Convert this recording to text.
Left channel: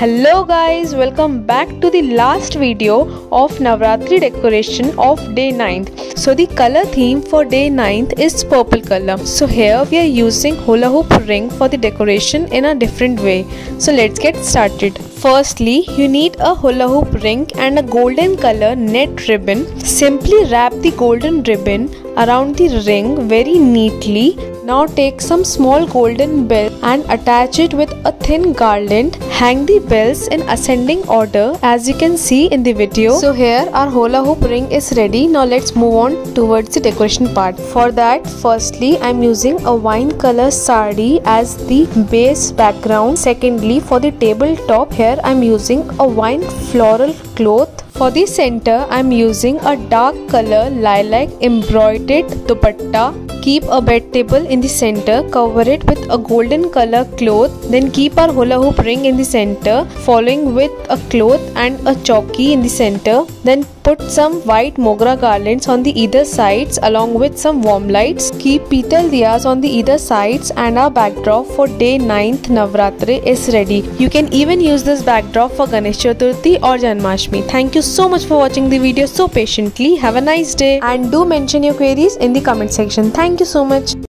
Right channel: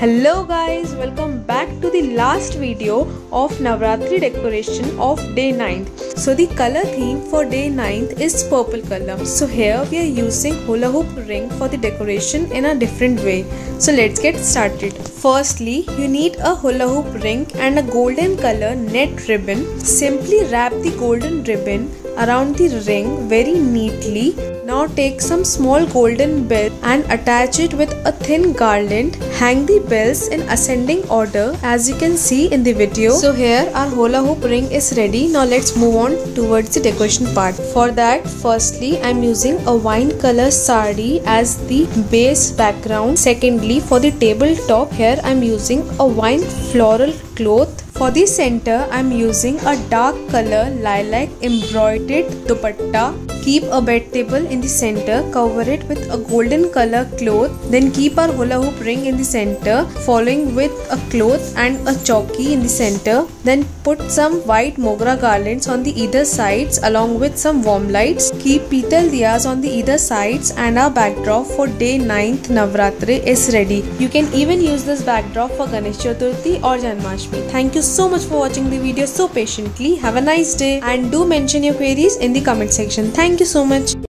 Hello guys, welcome back to the last video of Navratri decoration of day 9th. So the color theme for day 9th is purple color. So here we are using hula hoop ring for the decoration in a different way. So let's get started. Firstly, you need a hula hoop ring and a golden color net ribbon. Simply wrap the golden ribbon around the ring very neatly. Now take some small golden bells and attach it with a thin garland. Hang the bells in ascending order as you can see in the video. So here our hula hoop ring is ready. Now let's move on towards the decoration part. For that, firstly I am using a wine color sari as the base background. Secondly, for the tabletop, here I am using a wine floral cloth. For the center, I am using a dark color lilac embroidered dupatta. Keep a bed table in the center, cover it with a golden color cloth, then keep our hula hoop ring in the center, following with a cloth and a chowki in the center. Then put some white mogra garlands on the either sides along with some warm lights. Keep petal diyas on the either sides and our backdrop for day 9th Navratri is ready. You can even use this backdrop for Ganesh Chaturthi or Janmashtami. Thank you so much for watching the video so patiently. Have a nice day and do mention your queries in the comment section. Thank you so much.